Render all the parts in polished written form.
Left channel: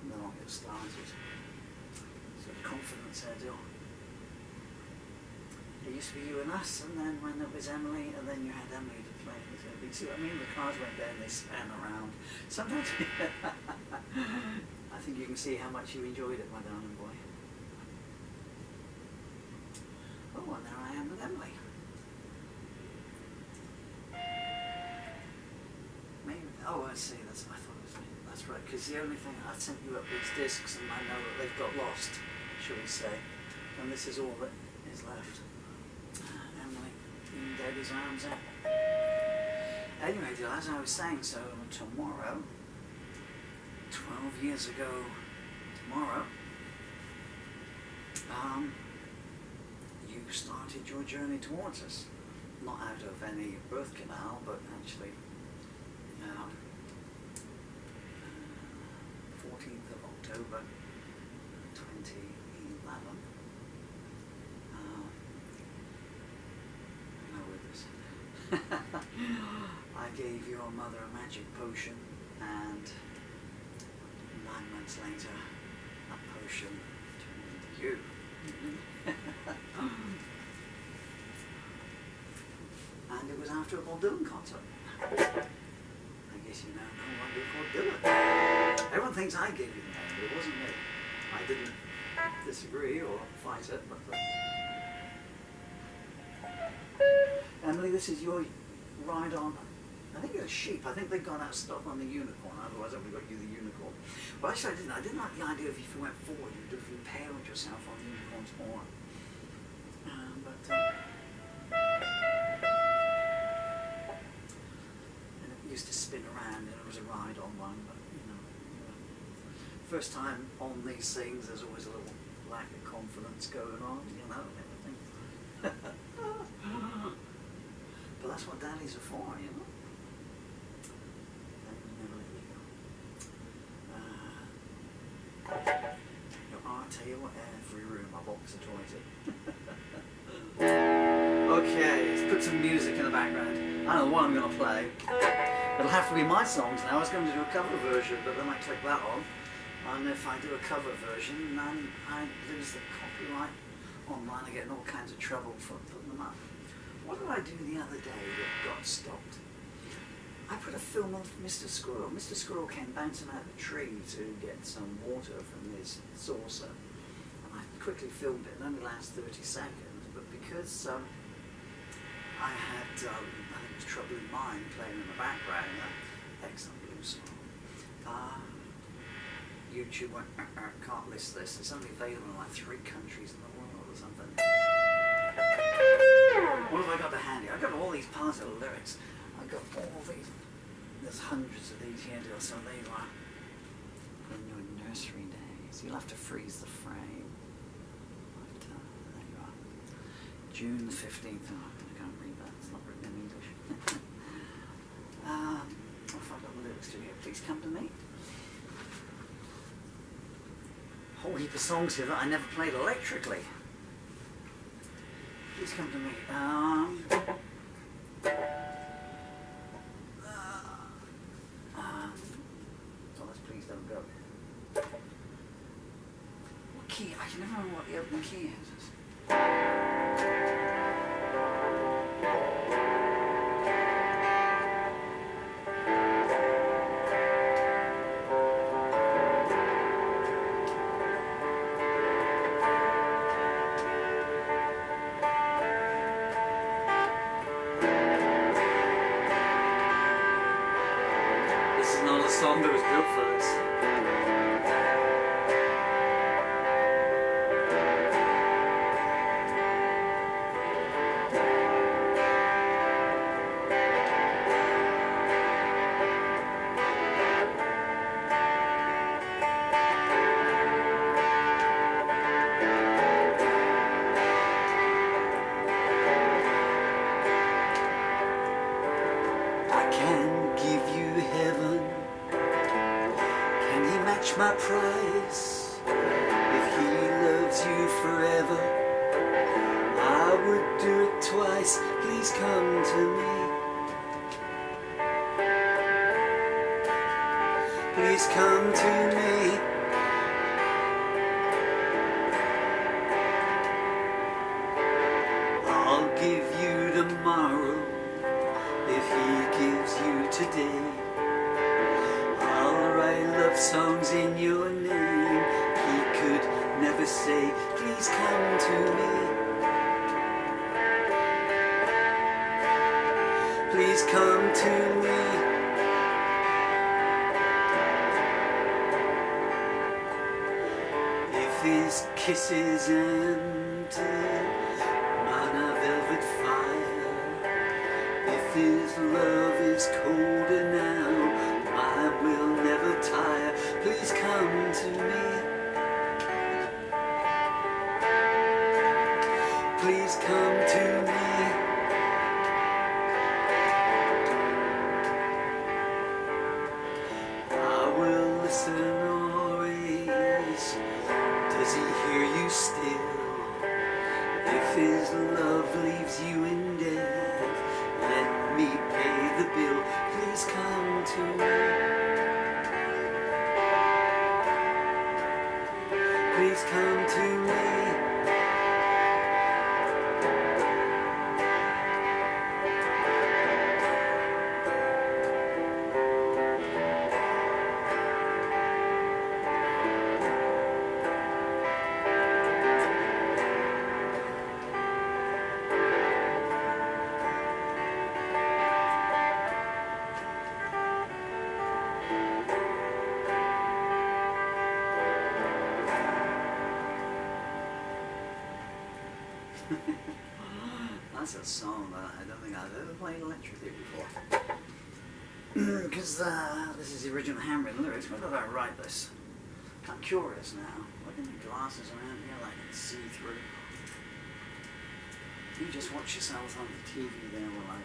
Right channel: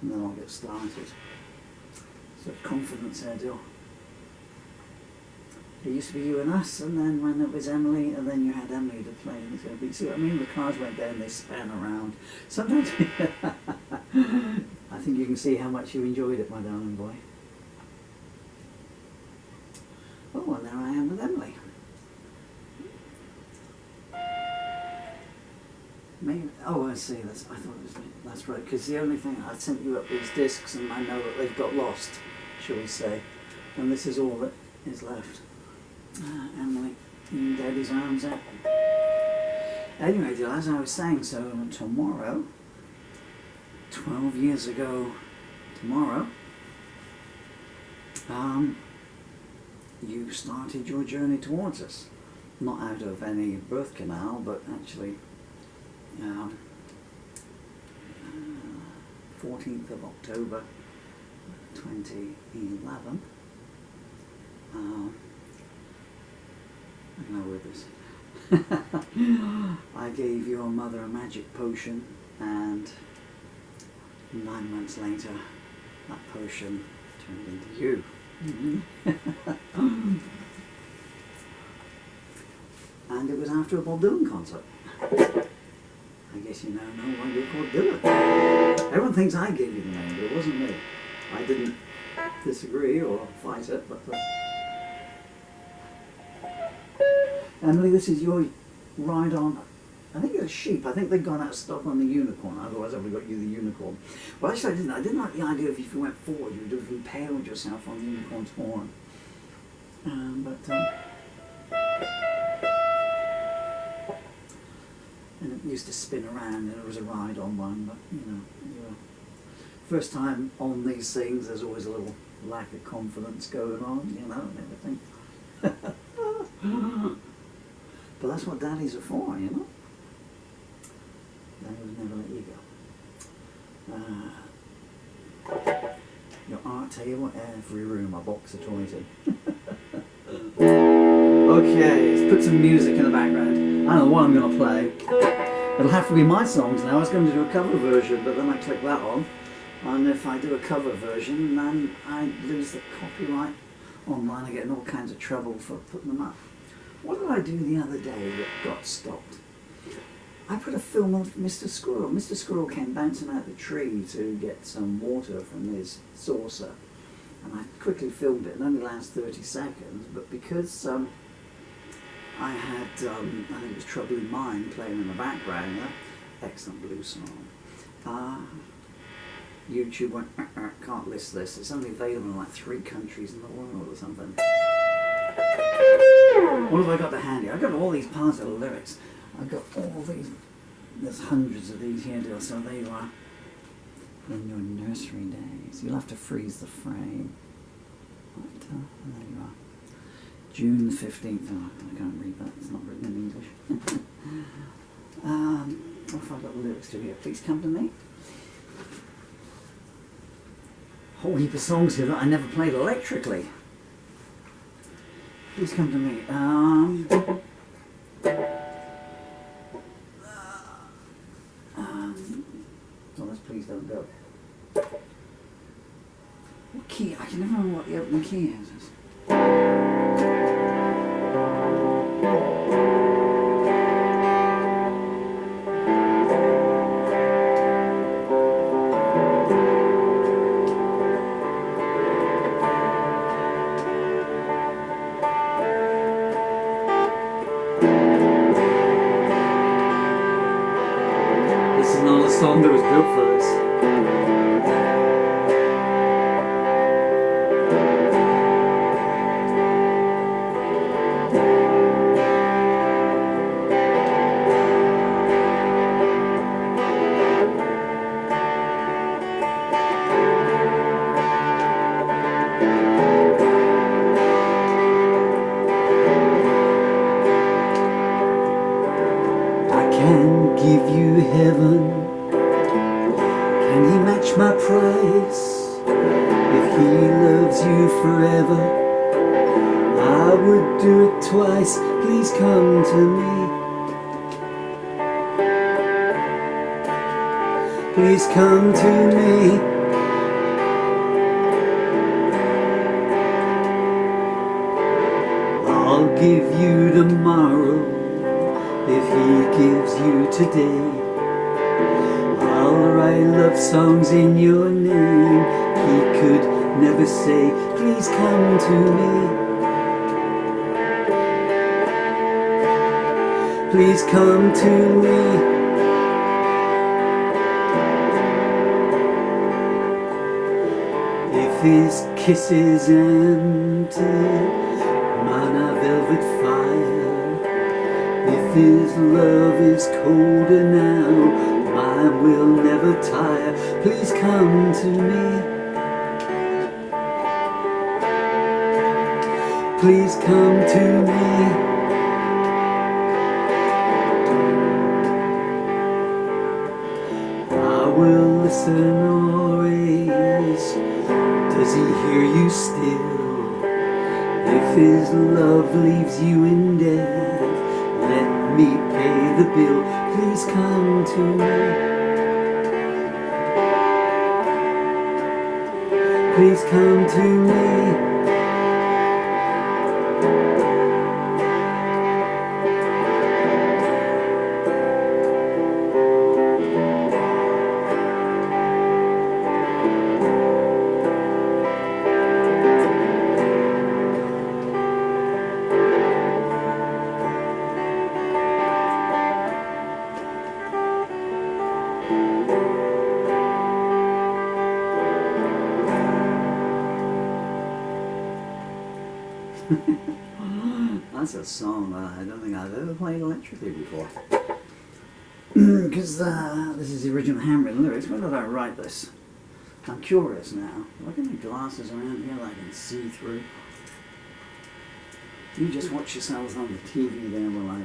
and then I'll get started. So confidence hairdo. It used to be you and us, and then when it was Emily, and then you had Emily to play in the beat. See what I mean? The cars went down, they span around. Sometimes I think you can see how much you enjoyed it, my darling boy. Oh, and there I am with Emily. Maybe, oh, I see. I thought it was me. That's right. Because the only thing I sent you up these discs, and I know that they've got lost, shall we say? And this is all that is left. Emily, in Daddy's arms out. Anyway, dear, as I was saying, so tomorrow, 12 years ago, tomorrow, you started your journey towards us. Not out of any birth canal, but actually 14th of October 2011. I know with this. I gave your mother a magic potion, and 9 months later that potion turned into you. And it was after a Bob Dylan concert. I guess you now know why you're called Dylan. Everyone thinks I gave you the name, but it wasn't me. I didn't disagree or fight it, but Emily, this is your ride on, I think it's a sheep. I think they've gone out of stock on the unicorn, otherwise I would have got you the unicorn. Well, actually I didn't like the idea of if you went forward you would have impaled yourself on the unicorn's horn. And it used to spin around, and it was a ride on one, but you know, first time on these things, there's always a little lack of confidence going on, you know, and everything. But that's what daddies are for, you know. Daddy would never let you go. Your art table, every room, a box of toys in. Okay, let's put some music in the background. I don't know what I'm going to play. It'll have to be my songs now. I was going to do a cover version, but then I click that on. And if I do a cover version, then I lose the copyright online. I get in all kinds of trouble for putting them up. What did I do the other day that got stopped? I put a film of Mr. Squirrel. Mr. Squirrel came bouncing out of the tree to get some water from his saucer. And I quickly filmed it. It only lasts 30 seconds, but because I had, I think it was Troubling Mind playing in the background, excellent blues song. YouTube went, can't list this. It's only available in like 3 countries in the world or something. What have I got to hand you? I've got all these parts of the lyrics. I've got all these, there's hundreds of these here, dear, so there you are. In your nursery days. You'll have to freeze the frame. But, there you are. June the 15th. Oh, I can't read that. It's not written in English. What have I got the lyrics to here? Please come to me. Whole heap of songs here that I never played electrically. Please come to me. Oh, that's Please Don't Go. What key? I can never remember what the opening key is. This is not a song that was built for this. Give you heaven, can he match my price? If he loves you forever, I would do it twice. Please come to me. Please come to me. today. I'll write love songs in your name. He could never say, please come to me. Please come to me. If his kiss is empty, mine are velvet fire. If his love is colder now, mine will never tire. Please come to me. Please come to me. I will listen always. Does he hear you still? If his love leaves you in death, let me pay the bill. Please come to me. Please come to me. That's a song that I don't think I've ever played electrically before. Because this is the original handwritten lyrics. When did I write this? I'm curious now. Look at my glasses around here that I can see through. You just watch yourselves on the TV there while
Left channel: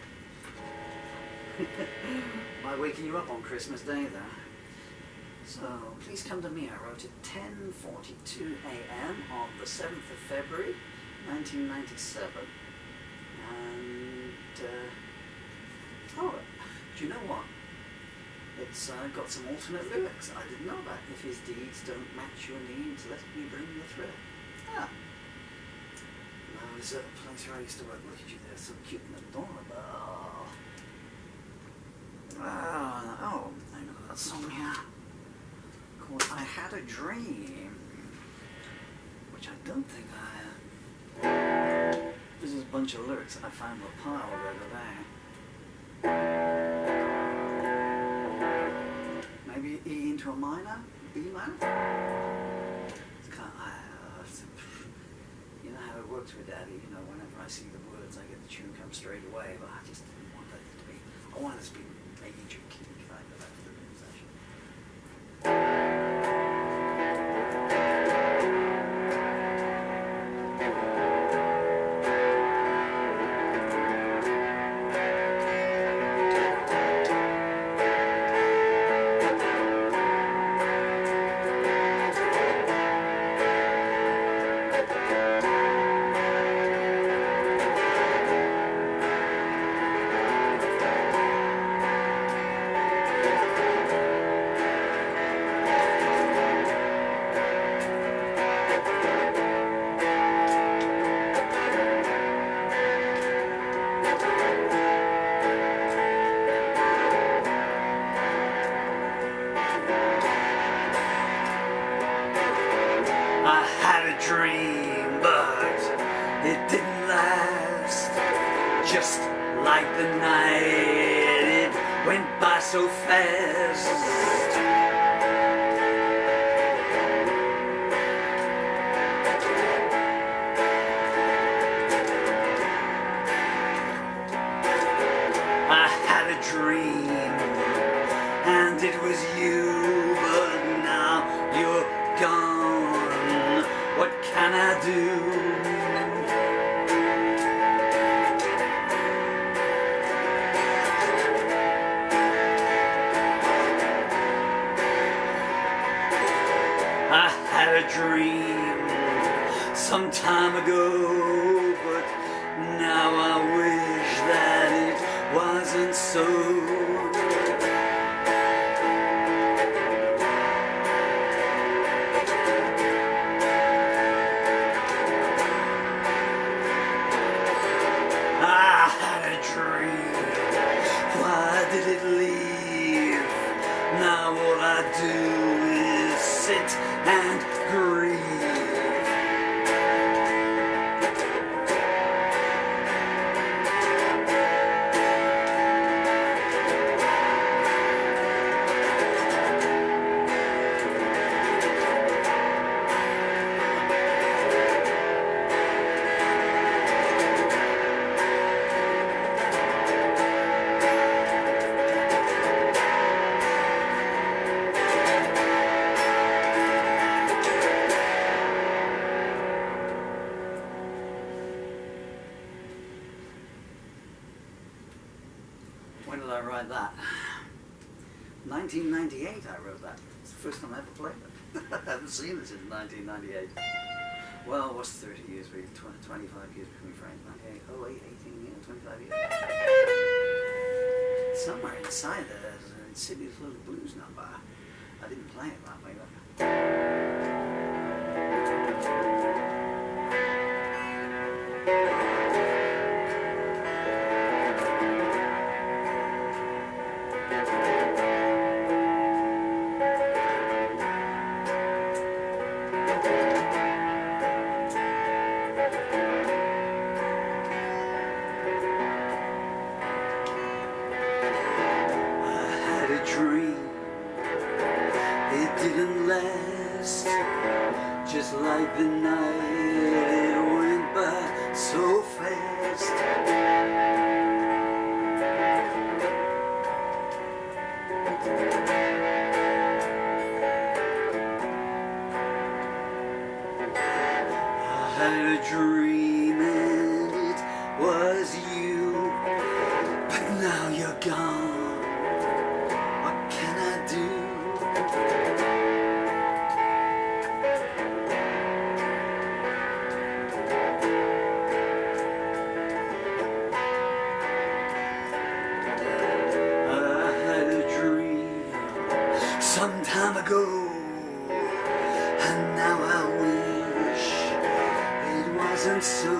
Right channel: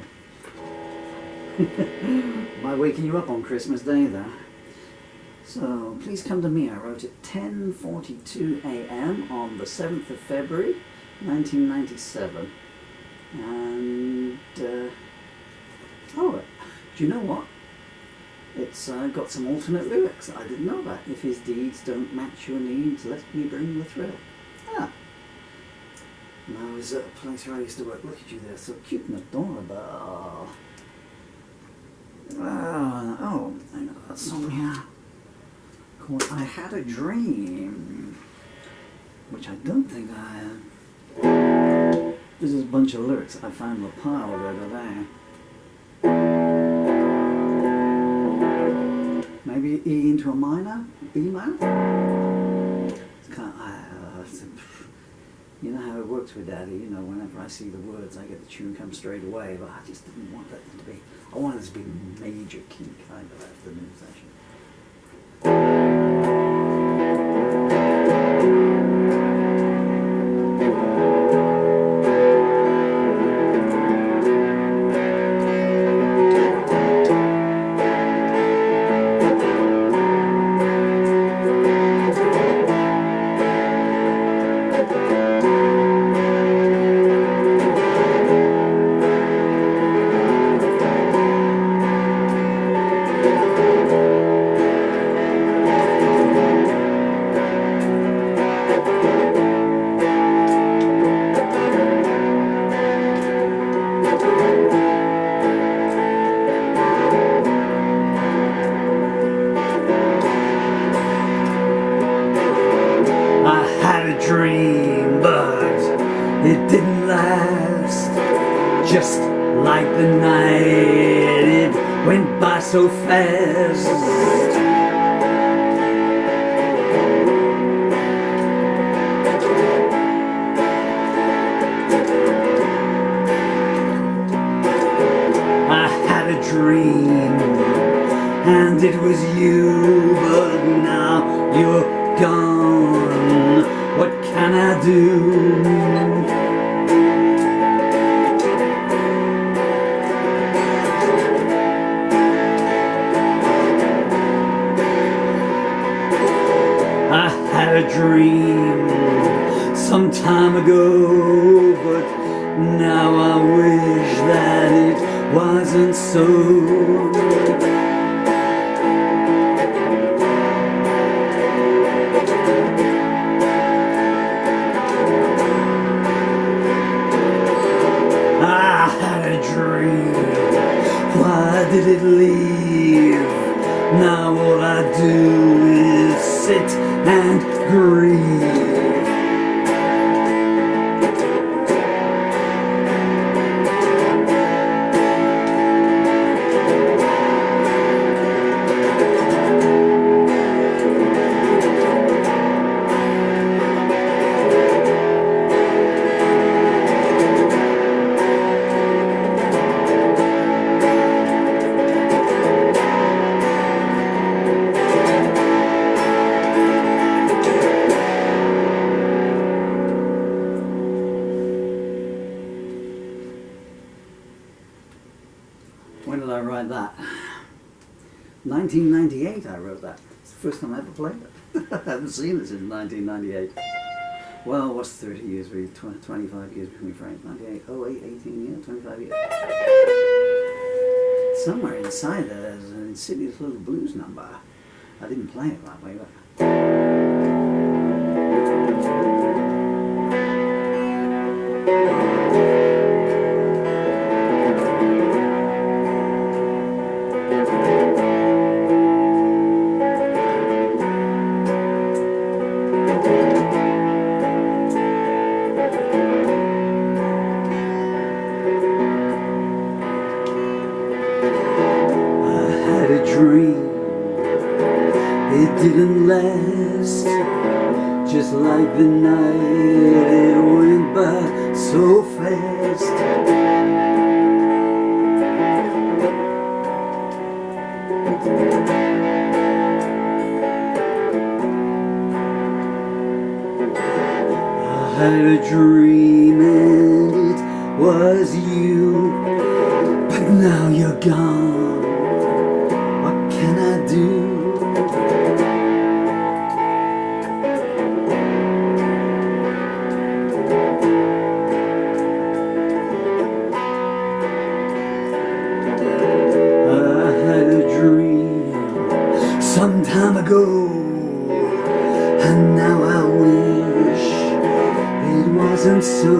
Am I waking you up on Christmas Day there? So, please come to me. I wrote it 10:42 a.m. on the 7th of February 1997. And, oh, do you know what? It's got some alternate lyrics I didn't know about. If his deeds don't match your needs, let me bring the thrill. Ah. And I was at a place where I used to work. Look at you there, so cute and adorable. Oh, I know that song here called I Had a Dream, which I don't think I had. This is a bunch of lyrics I found were piled over there. Maybe E into a minor, B minor? It's kind of, you know how it works with Daddy, you know, whenever I see the words I get the tune come straight away, but I just didn't want that to be, I wanted it to be major key kind of afternoon session. Dream, but it didn't last. Just like the night, it went by so fast. I had a dream, and it was you, but now you're gone. What can I do? I had a dream some time ago, but now I wish that it wasn't so. did it leave? Now all I do is sit and grieve. When did I write that? 1998 I wrote that. It's the first time I ever played it. I haven't seen it since 1998. Well, what's 30 years, 25 years between frames? 98, 08, 18, yeah, 25 years. Somewhere inside there's an insidious little blues number. I didn't play it that way, but... dream, it didn't last, just like the night it went by so fast. I had a dream and it was you, but now you're gone. Some time ago, and now I wish it wasn't so.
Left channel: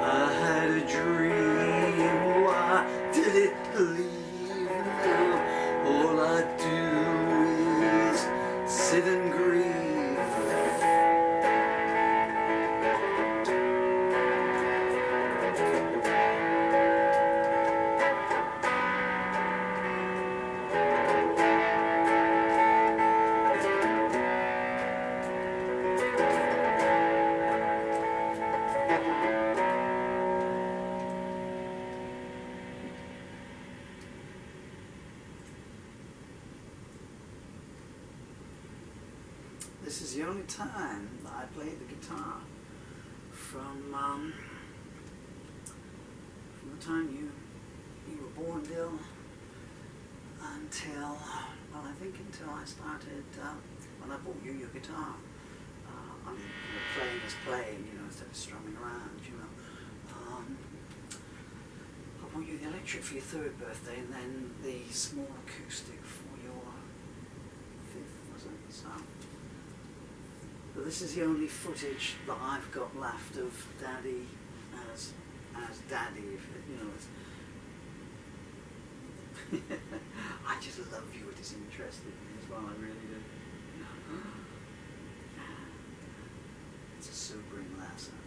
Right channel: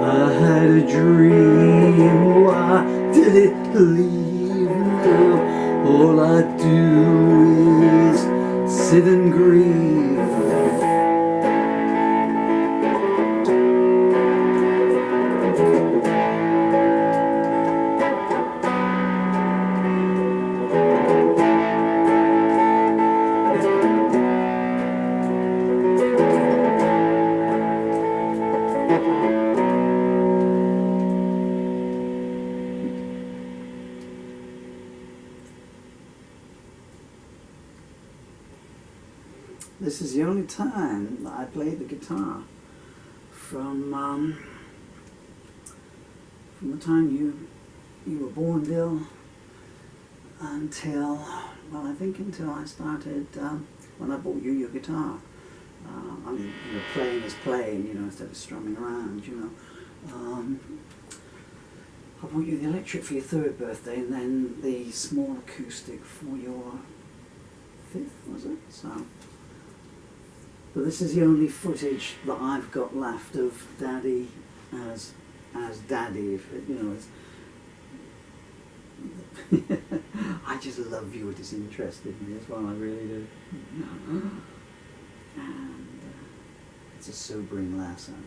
I had a dream, why did it leave now? All I do is sit and grieve. This is the only time that I played the guitar from the time you were born, Dill, until, well, I think until I started, when I bought you your guitar. I mean, you know, playing is playing, you know, instead of strumming around, you know. I bought you the electric for your 3rd birthday, and then the small acoustic for your 5th, was it? So, but this is the only footage that I've got left of Daddy as Daddy, if, you know. I just love you're disinterested in me as well, I really do. And it's a sobering lesson.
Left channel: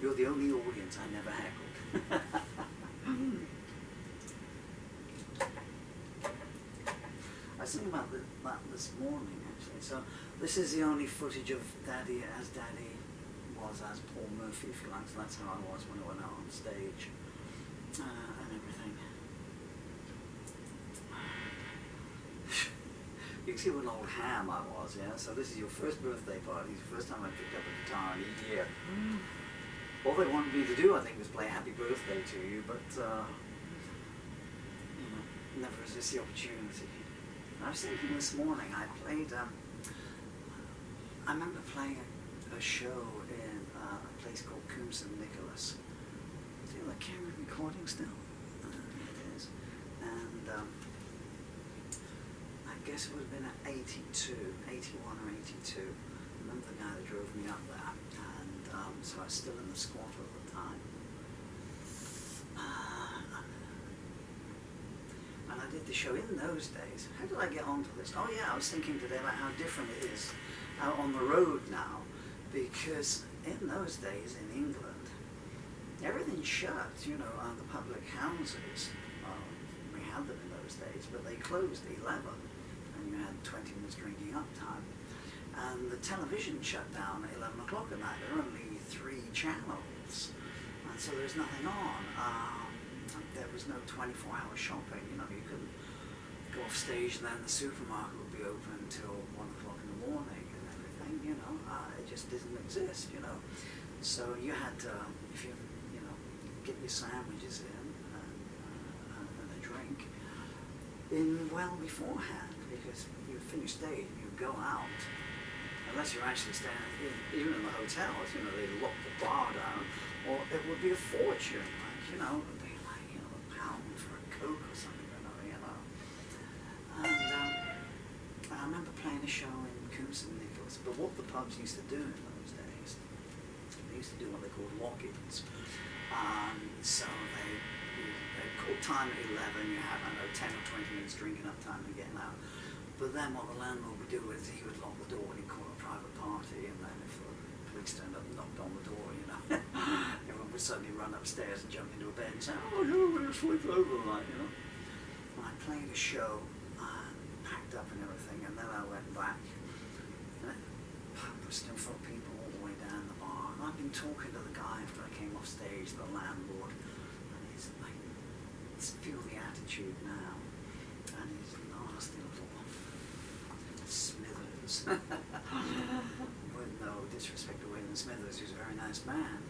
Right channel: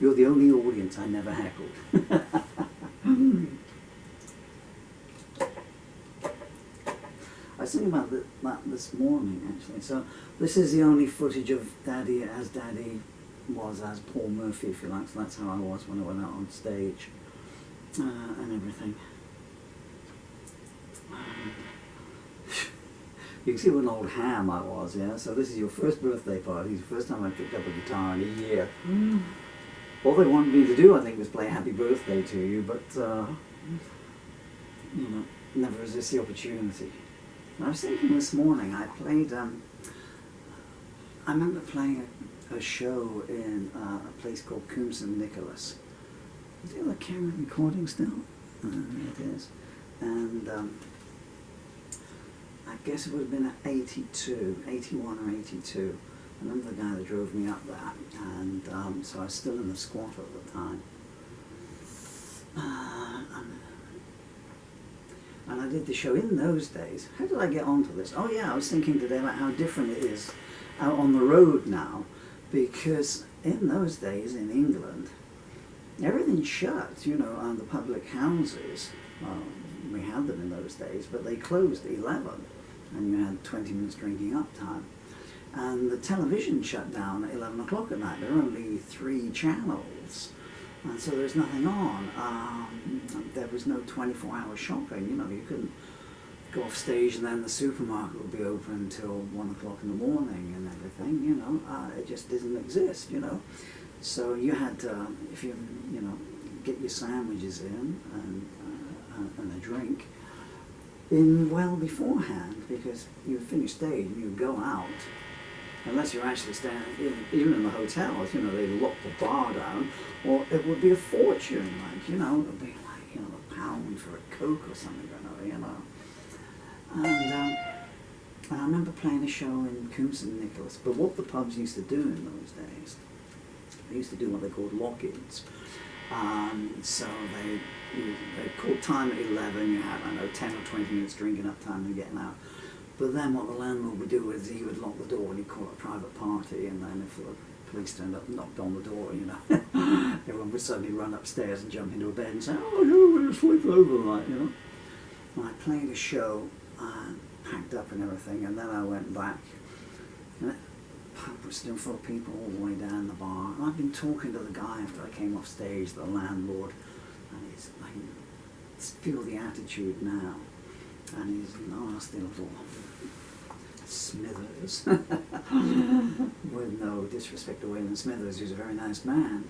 You're the only audience I never heckled. I was thinking about that this morning, actually. So this is the only footage of Daddy as Daddy was as Paul Murphy, if you like. So that's how I was when I went out on stage and everything. You can see what an old ham I was, yeah? So this is your first birthday party, the first time I picked up a guitar in a year. All they wanted me to do, I think, was play Happy Birthday to you, but, you know, never resist the opportunity. And I was thinking this morning, I played, I remember playing a show in a place called Coombs and Nicholas. Is the other camera recording still? It is. And I guess it would have been 82, 81 or 82. I remember the guy that drove me up there, and so I was still in the squatter at the time. And I did the show in those days. How did I get onto this? Oh yeah, I was thinking today about how different it is out on the road now, because in those days in England, everything's shut, you know, and the public houses, well, we had them in those days, but they closed at 11, and you had 20 minutes drinking up time. And the television shut down at 11 o'clock at night. There were only 3 channels, and so there's nothing on. There was no 24-hour shopping, you know, you couldn't go off stage and then the supermarket would be open until 1 o'clock in the morning and everything, you know. It just didn't exist, you know. So you had to, if you know, get your sandwiches in and a drink in well beforehand, because you would finish stage and you would go out, unless you're actually staying even in the hotels, you know, they lock the bar down, or it would be a fortune, like, you know, it would be like, you know, £1 for a Coke or something, you know. And I remember playing a show in Coombs and Nicholas, but what the pubs used to do in those days, they used to do what they called lock-ins. So they called time at 11, you had, I don't know, 10 or 20 minutes drinking up time and getting out. But then what the landlord would do is he would lock the door and he'd call it a private party, and then if the police turned up and knocked on the door, you know, everyone would suddenly run upstairs and jump into a bed and say, oh, no, we'll sleep over tonight, you know. And I played a show and packed up and everything, and then I went back, and the pub was still full of people all the way down the bar. And I've been talking to the guy after I came off stage, the landlord, and I can feel the attitude now. And he's a nasty little Smithers, with no disrespect to Waylon Smithers, who's a very nice man.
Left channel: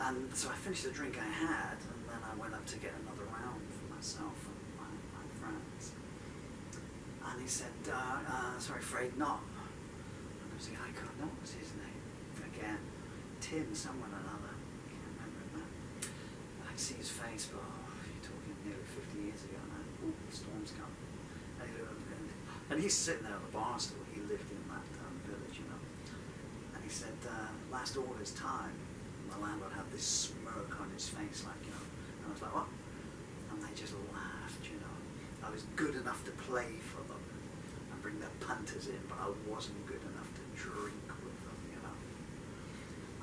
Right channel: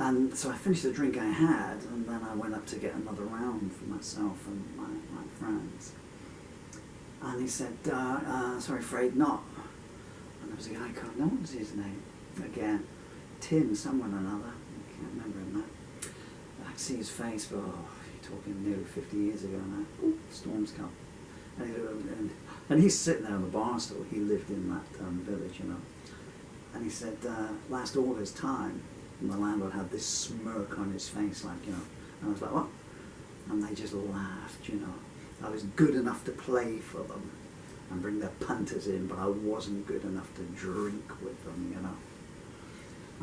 And so I finished the drink I had, and then I went up to get another round for myself and my friends. And he said, sorry, afraid not. And there was a guy called, no, what was his name? Again, Tim, someone or another, I can't remember him now. I can see his face, but you're talking nearly 50 years ago now. Oh, storm's come. And he's sitting there on the bar stool. He lived in that village, you know. And he said, last order's time. And the landlord had this smirk on his face, like, you know. And I was like, what? And they just laughed, you know. I was good enough to play for them and bring their punters in, but I wasn't good enough to drink with them, you know.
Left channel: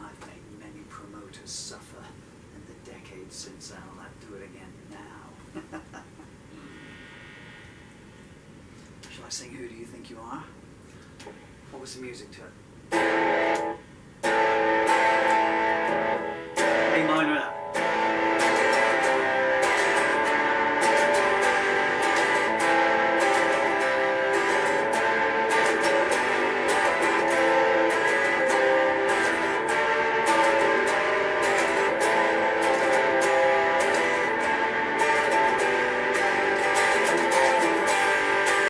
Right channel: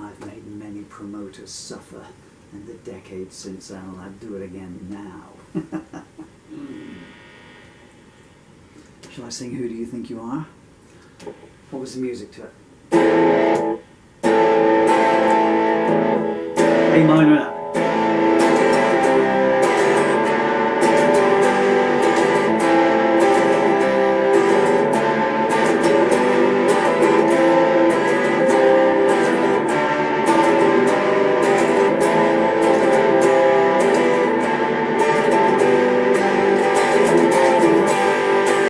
I've made many promoters suffer in the decades since then, and I'd do it again now. Shall I sing Who Do You Think You Are? What was the music to it? A minor.